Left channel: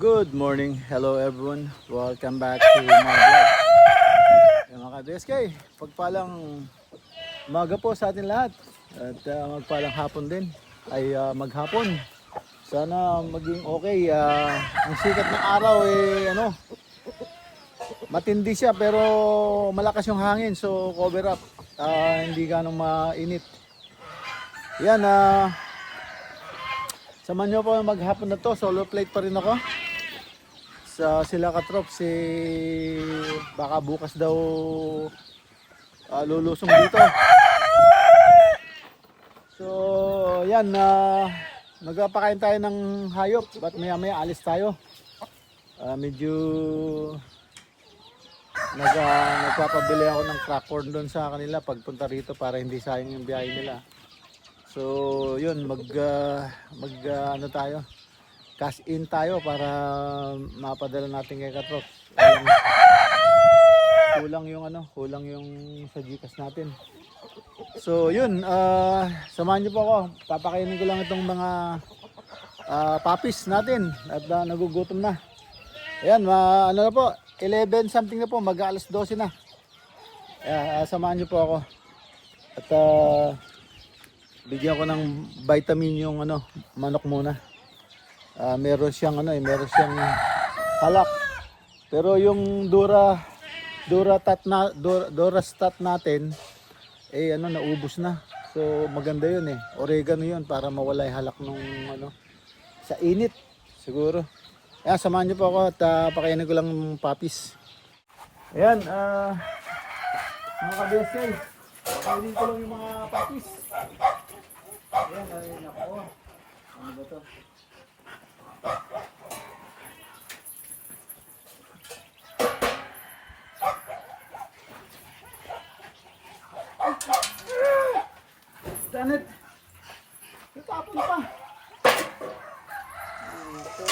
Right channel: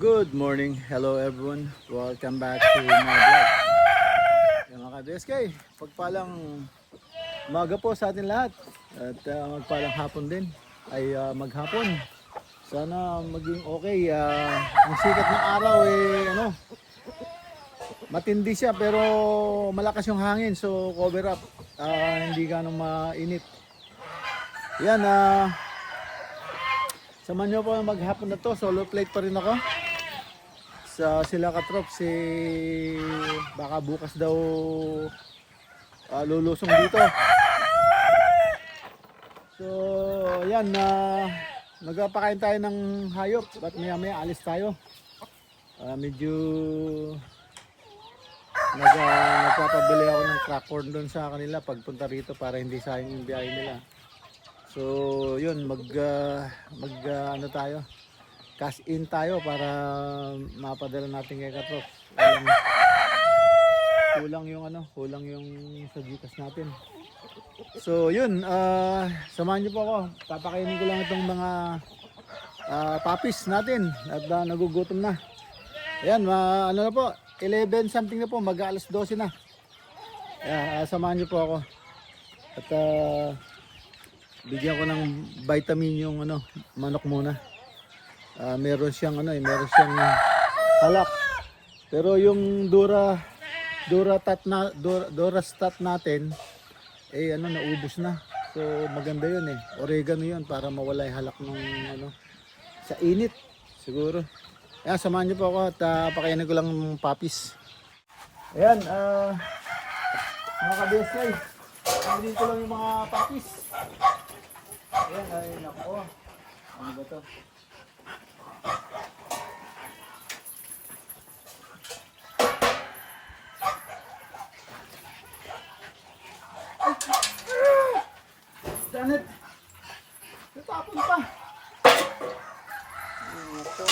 Good morning, hello everyone. Welcome back to my vlog. Yung mga ka-BSK, pagpalang umaga po sa atin lahat. At magpalang hapon din, ay maghapon. Sana maging okay. Ang sikat ng araw matindi siya pero malakas yung hangin. So cover up, hindi ganong mainit. Yan, samahan nyo po maghapon na to. Solo plate pa rin ako sa sila katrop. Baka bukas daw lulusong dito. So yan, magpapakain tayo ng hayop at maya maya alis tayo. Medyo nagpapabili ako ng crack corn doon sa kanila pagpunta rito para hindi sayang yung biyahe nila. So yun, tayo, cash in tayo para mapadala natin kay Katrop. Kulang yung sa Gcash natin. So yun, samahan niyo po ako. Papakainin ko lang itong mga puppies natin at nagugutom na. Ayan, ano na po, 11 something na po, mag-alas 12 na. Samahan niyo po ako. At bigyan ko ng vitamin yung manok muna. Meron siyang halak. Pero yung Durastat natin naubos na. So maganda yun oregano yun para mawala yung halak nung sa init siguro. Ayan, samahan niyo po ako at pakainin ko lang ng puppies. Ayan, mga ka-BSK, pakainin ko lang yung mga puppies. Ayan, naku, ano ba to? Danet! Natapon pa! Ito.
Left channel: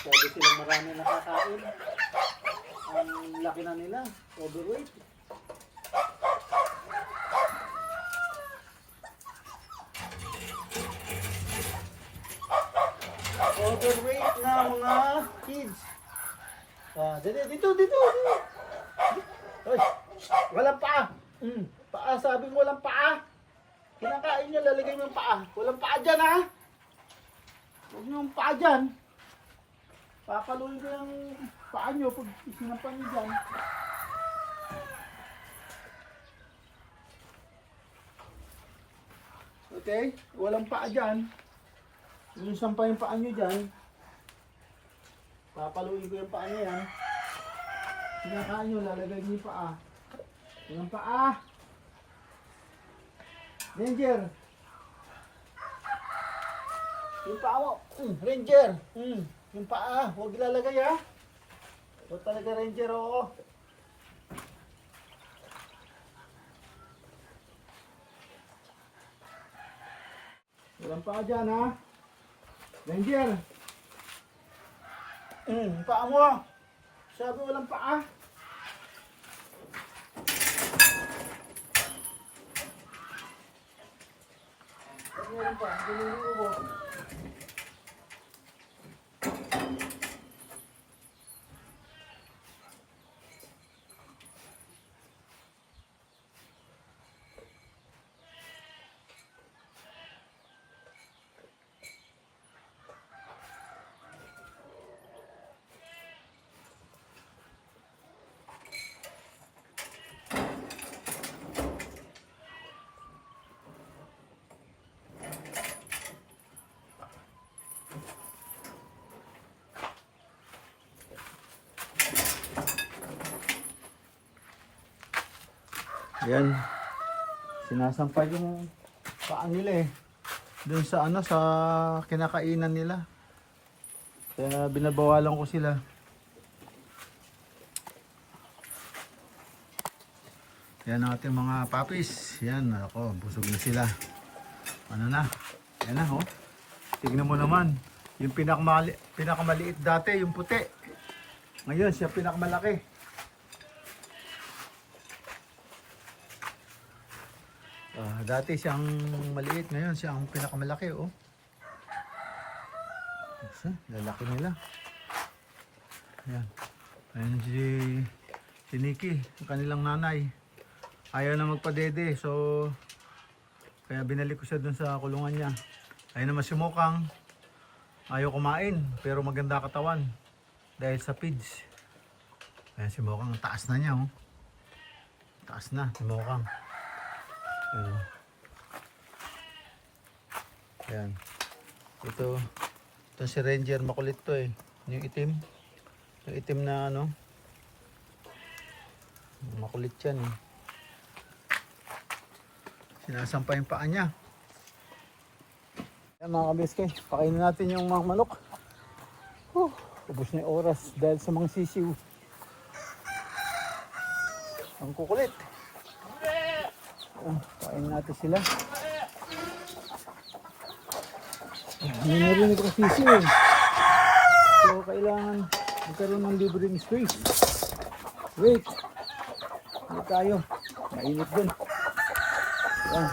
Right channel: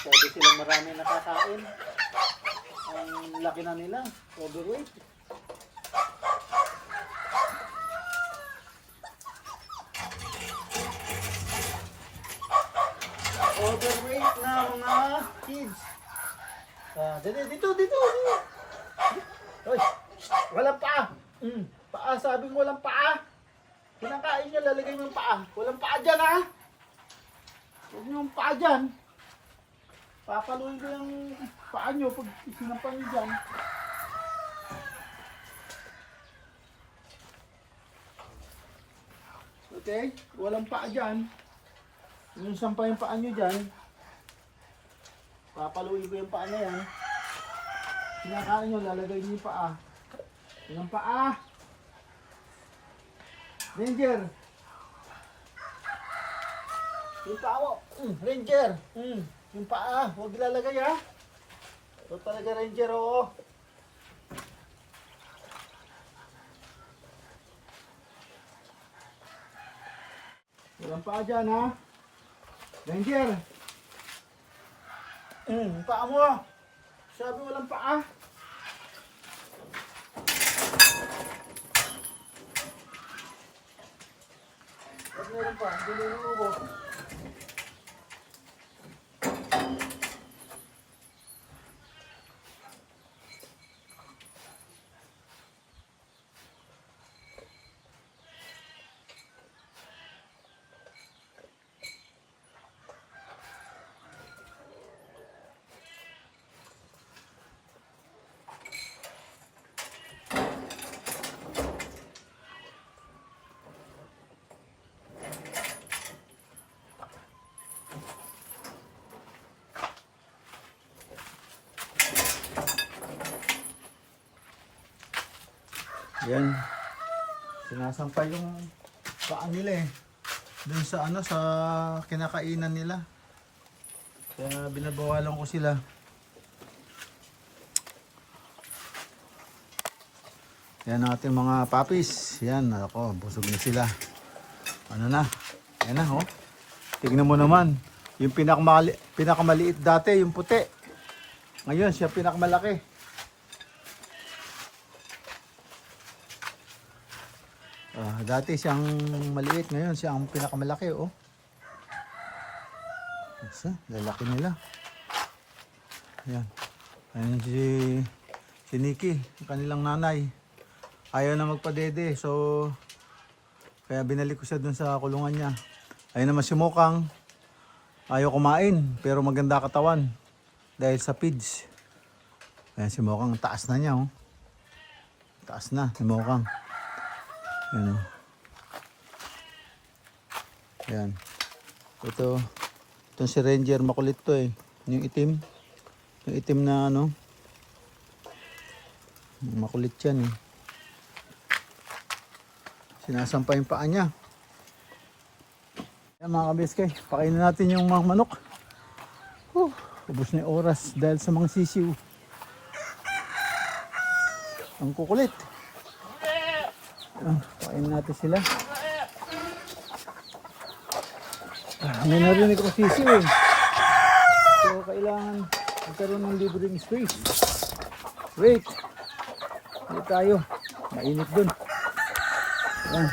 Sabi silang marami nakakain. Ang laki na nila, overweight. Overweight na mga kids. Dito. Hoy, walang paa. Paa, sabi mo walang paa. Kinakain niya, lalagay mo yung paa. Walang paa dyan, ha? Huwag niyo yung paa dyan. Papaluin ko yung paa nyo pag sinampan nyo dyan. Okay? Walang paa dyan. Yung sampa yung paa nyo dyan. Papaluin ko yung paa nyo yan. Sinakain nyo, lalagay nyo yung paa. Yung paa. Ranger. Yung paa mo. Ranger. Yung paa, huwag ilalagay, ha. Ito talaga, Ranger, oo. Walang paa dyan, ha. Ranger. Paa mo. Sabi walang paa. Ba't meron pa? Hindi meron ubo. Yan. Sinasampay yung paa nila doon sa sa kinakainan nila. Kaya binabawalan ko sila. Yan natin mga puppies. Yan, ako, busog na sila. Ano na? Ayan na, oh. Tingnan mo naman. Yung pinakamaliit dati, yung puti. Ngayon, siya pinakamalaki. Dati siyang maliit, ngayon siya ang pinakamalaki, oh. So, lalaki nila. Ayan. Ayan si Nikki, yung kanilang nanay. Ayaw na magpadede, so kaya binalik ko siya dun sa kulungan niya. Ayun naman si Mokang. Ayaw kumain, pero maganda katawan. Dahil sa feeds. Ayan si Mokang, taas na niya, oh. Taas na si Mokang. Ayan, oh. Ayan. Ito si Ranger, makulit to eh. Yung itim. Yung itim na ano. Makulit yan eh. Sinasampa yung paa niya. Ayan mga kabeskay, pakainin natin yung mga manok. Ubus na yung oras dahil sa mga sisiw. Ang kukulit. Pakainin natin sila. Hindi narinig ko sisiw eh. So kailangan magkaroon ng libreng space. Wait. Hindi tayo. Mainit dun. Ayan.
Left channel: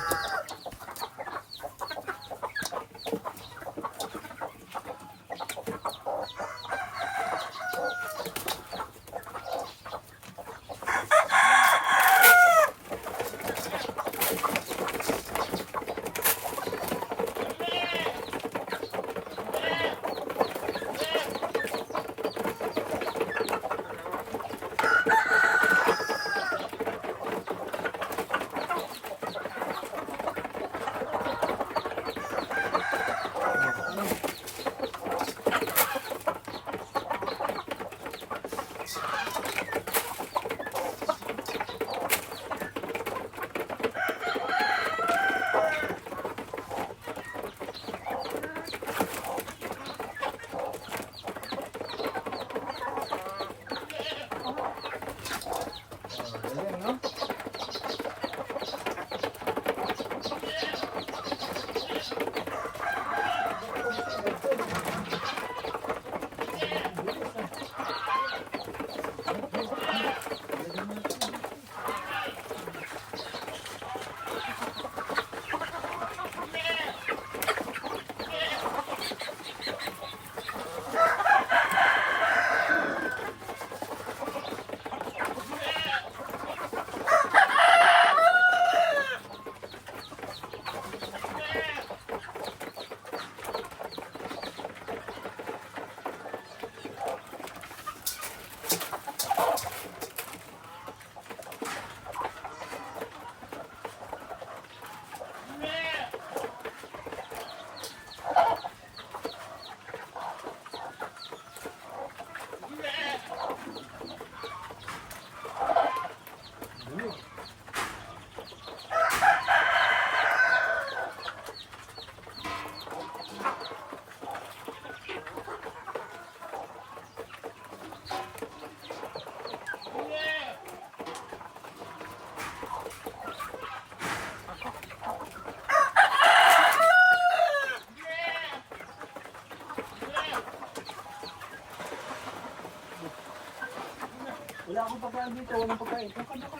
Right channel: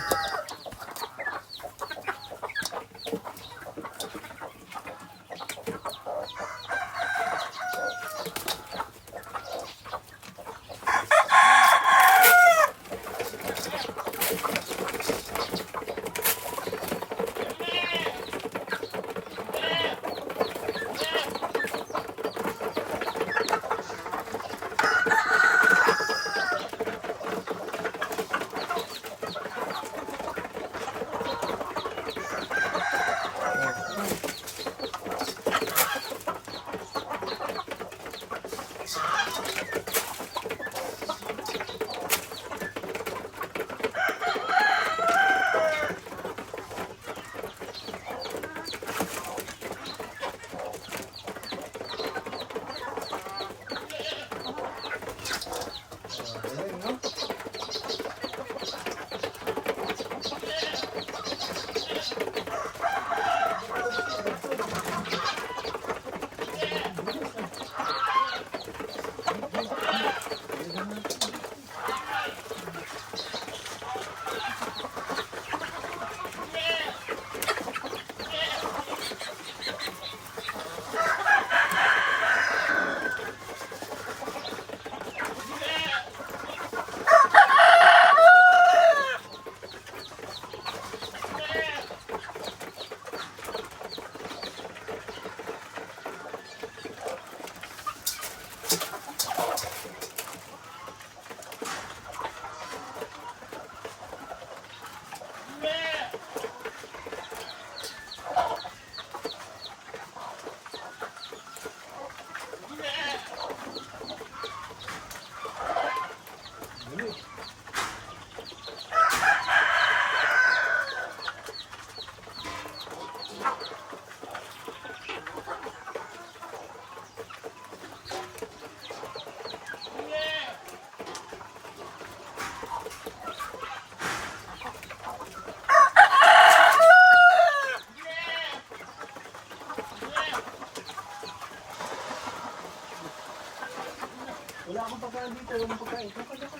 Wala akong pagkain dito, walang pagkain. Kapag ako.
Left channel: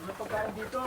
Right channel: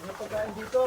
Walang pagkain dito.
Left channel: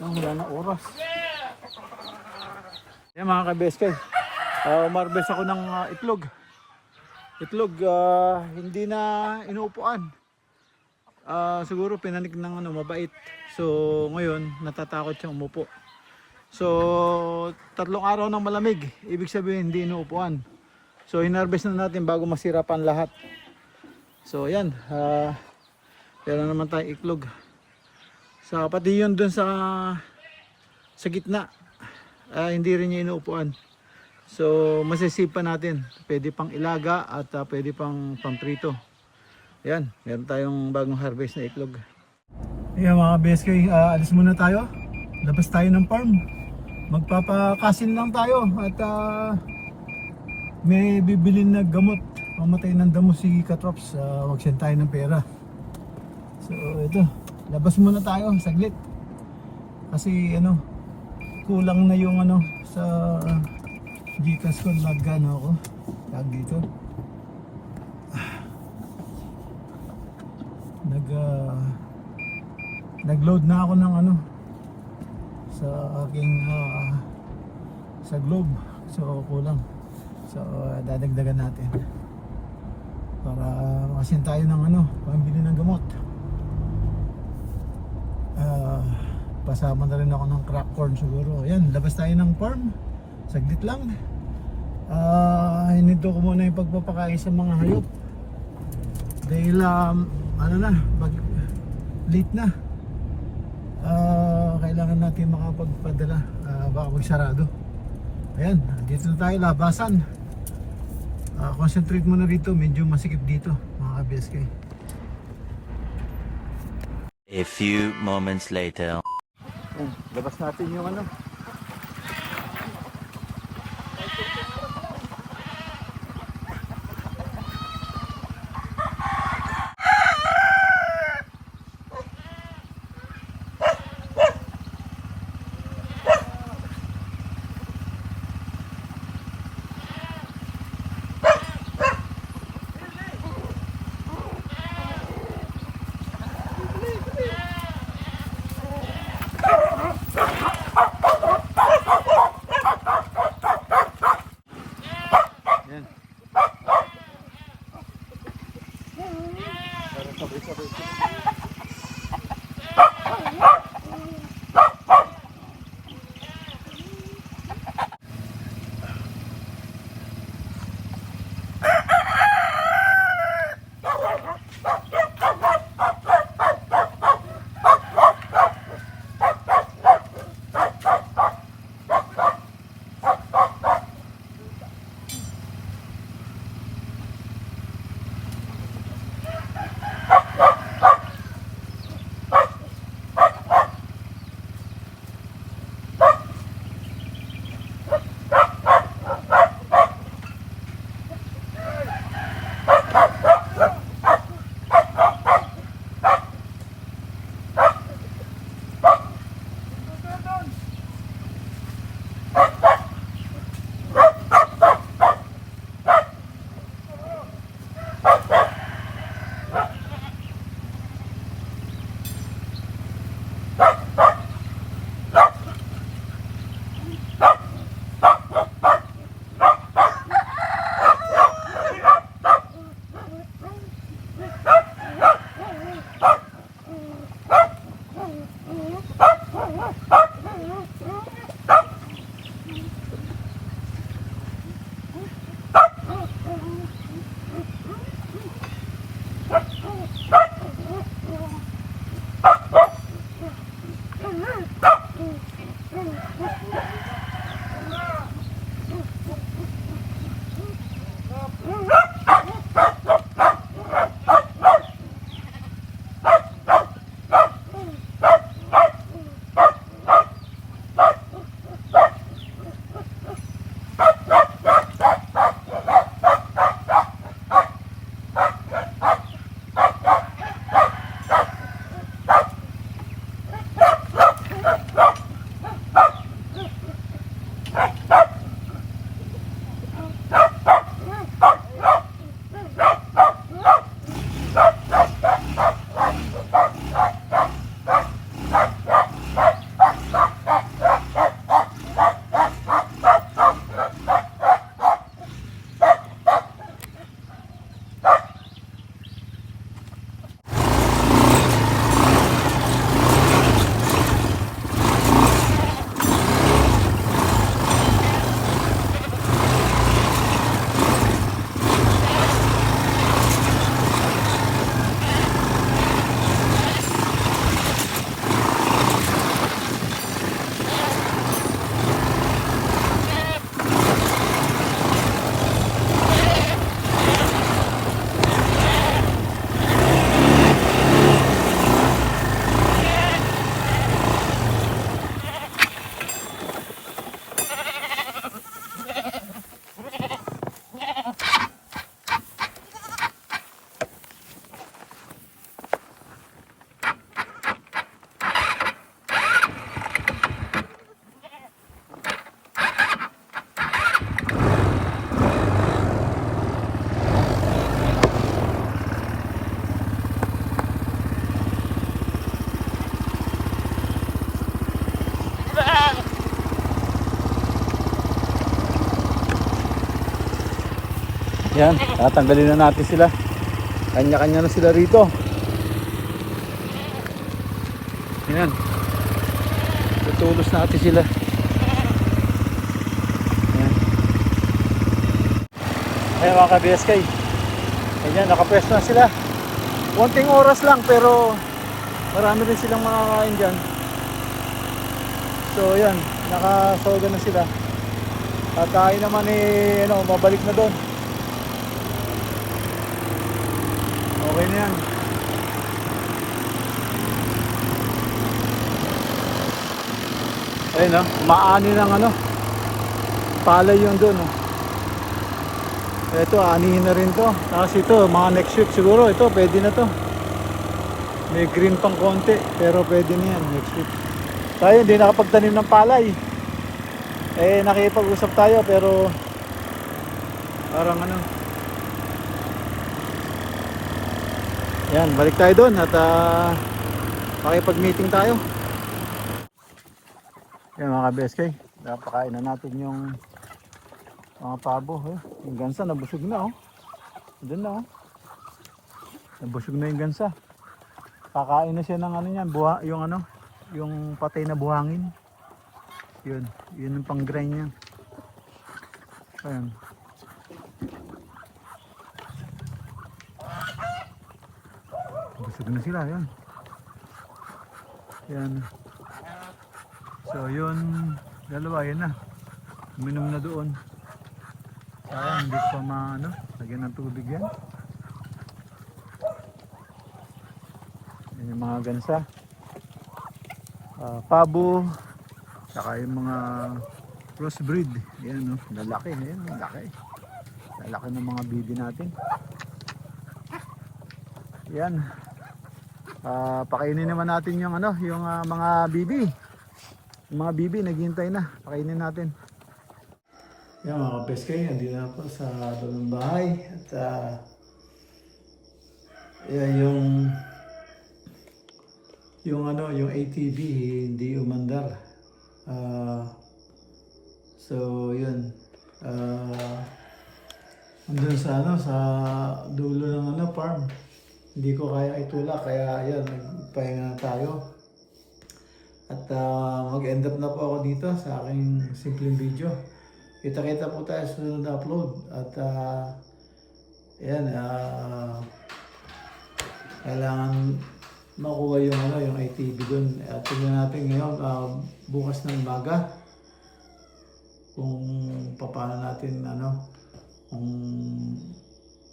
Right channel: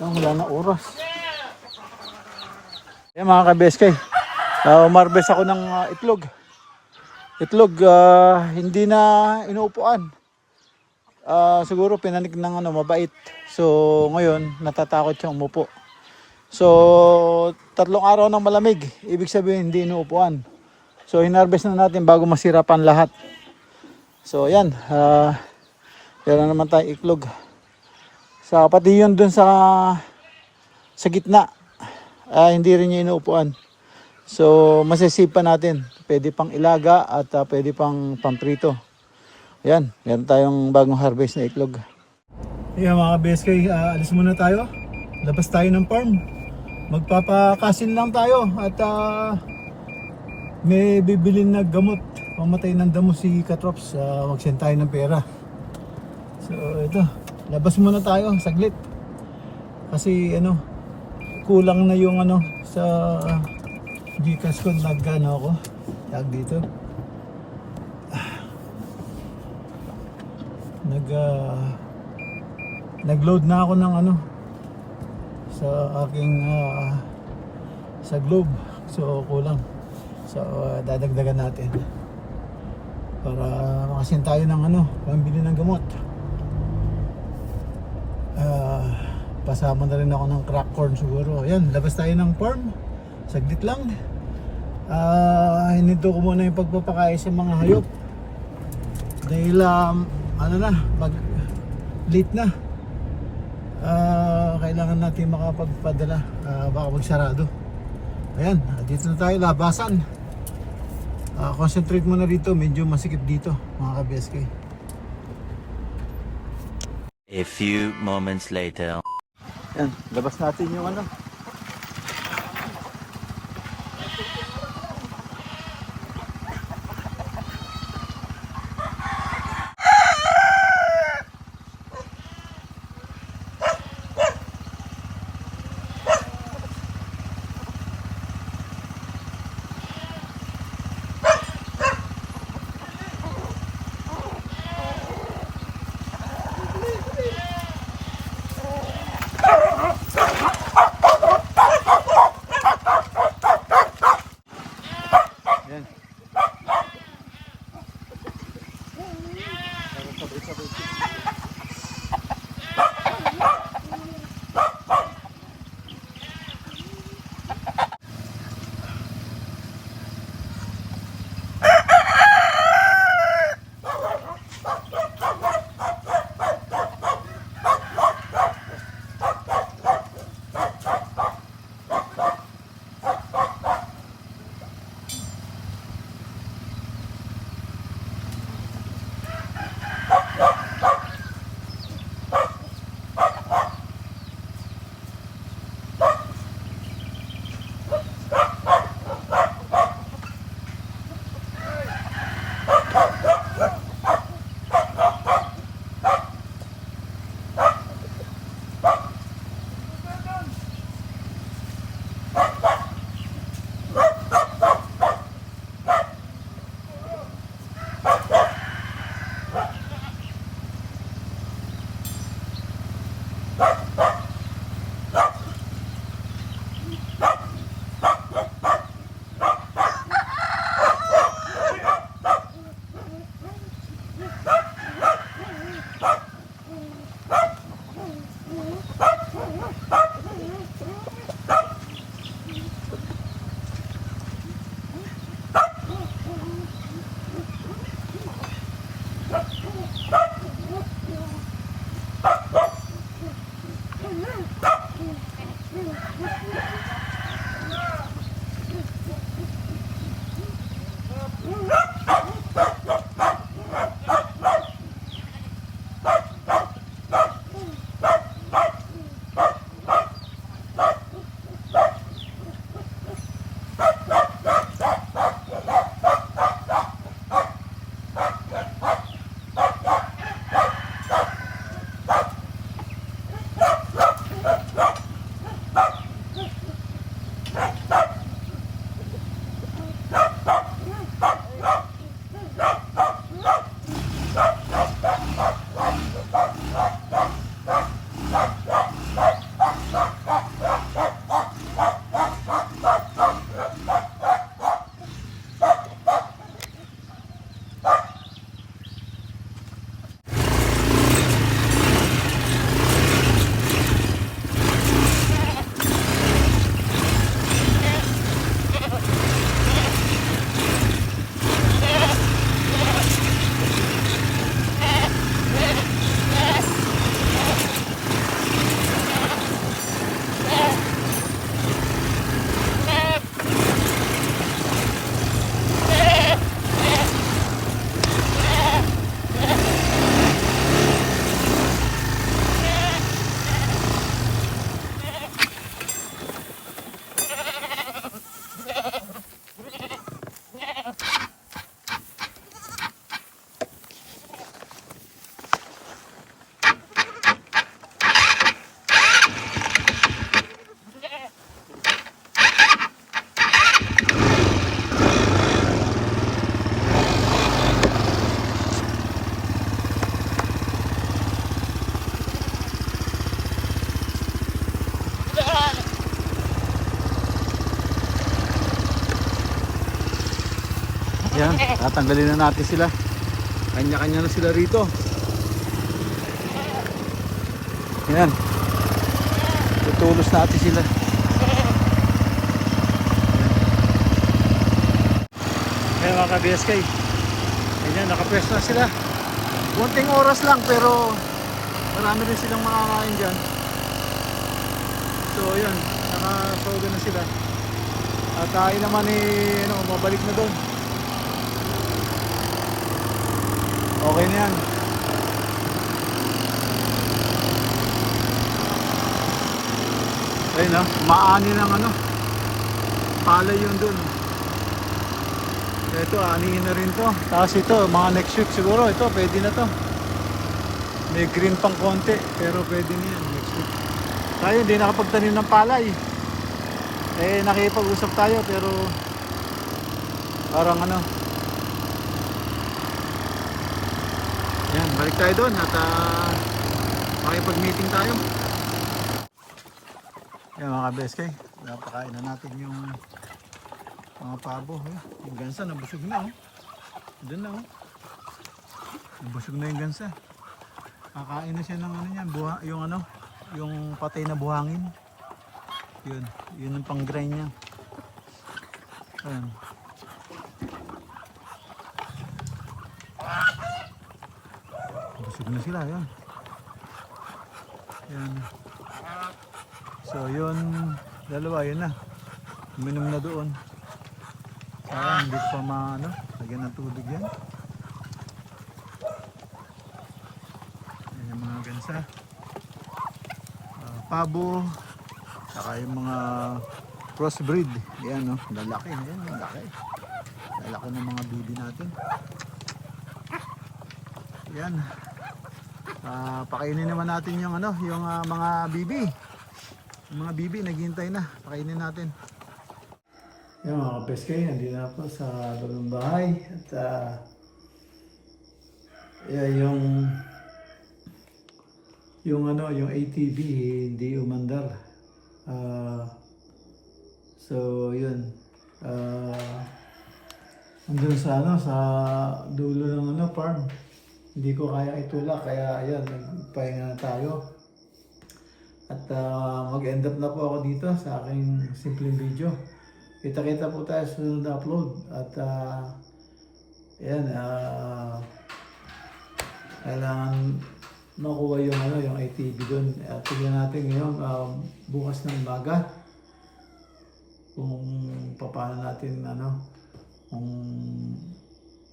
Wala na oras. Yan mga ka-BSK. Umarbes ako ng itlog. Itlog, hindi na inuupuan. Siguro pinanik ng mabait. So ngayon natatakot siyang umupo. So 3 araw ng malamig, ibig sabihin hindi inuupuan. So hinarvest na natin bago masirapan lahat. So ayan, yan na naman tayo itlog. Sa pati yun dun sa gitna, hindi rin niya inuupuan. So masisipa natin, pwede pang ilaga at pwede pang pamprito. Ayan, meron tayong bagong harvest na itlog. Ayan mga BSK, alis muna tayo. Labas tayo ng farm. Magpapakasin lang tayo at may bibilin na gamot. Pamatay ng damo si Katrops, magsend tayo ng pera. So ito, labas muna tayo saglit. Kasi kulang na yung sa Gcash ko, ako. Tag dito. Nag-load na ako ng sa aking sa Globe. So kulang. So dadagdagan natin para makasin tayo ng pambili ng gamot. Pasama na rin ako ng crack corn siguro. Ayan, labas tayo ng farm. Saglit lang. Hinito ko muna yung pagpapakain sa mga hayop. Dahil late na. Kailangan natin makapagpadala. Baka magsarado. Ayan, dito na tayo, labasan. Concentrate muna rito, medyo masikip dito mga ka-BSK. A few moments later. Ayan, labas natin yung Yan, tatanggalin na natin sila. Kanya-kanya na sila rito. Yan. Tutulos natin sila. Ayan mga ka-BSK. Ayan, nakapwesto na sila. Konting oras lang pero marami rin silang makakain dyan. So yan, nakasoga na sila. At tayo naman mabalik na doon. Okay na yan. Ayun maani ng palay yun doon. Ito, anihin na rin to. Tapos ito, mga next week siguro, ito, pwede na to. May green pang konti, pero pwede na yan next week. Tayo, hindi nakapagtanim ng palay. Nakipag-usap tayo, pero parang yan, balik tayo doon at makipag-meeting tayo. Yan mga ka-BSK, napakain na natin yung mga pabo. Yung gansa nabusog na doon na nabusog na yung gansa. Kakain na siya ng yan, yung patay na buhangin. Yun yung pang-grind niya. Ayan. Busog na sila, yan. Yan. So yun, dalawa, yun na. Uminom na doon. Sayang, hindi ko pa lagyan ng tubig yan. Yan yung mga gansa. Pabo. Saka yung mga crossbreed. Yan lalaki. Yan, lalaki. Lalaki ng mga bibi natin. Yan. Pakainin naman natin yung yung mga bibi. Yung mga bibi naghihintay na. Pakainin natin. Yan mga ka-BSK, nandito na po sa loob ng bahay. At yung ATV hindi umandar. So yun. Andun sa sa dulo ng farm. Hindi ko kaya itulak, kaya ayan, nagpahinga na tayo. At mag-end up na po ako dito sa aking simpleng video. Kita-kita po tayo sa sunod na upload. At ayan, kailangan makuha yung ATV doon. At tignan natin ngayon, bukas ng umaga, kung paano natin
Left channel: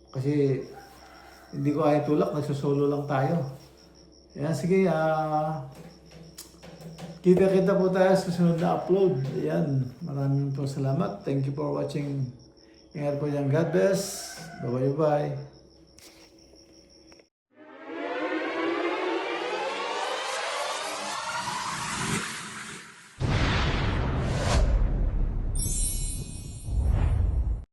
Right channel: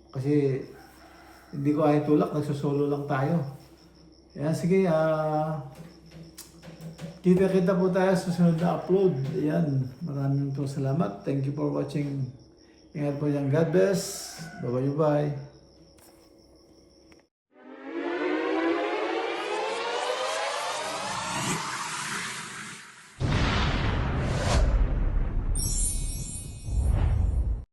kasi hindi ko ay tulak, nagsusolo lang tayo. Ayan, sige, kita-kita po tayo sa susunod na upload. Ayan, maraming po salamat. Thank you for watching. Ingat po dyan. God bless. Bye-bye.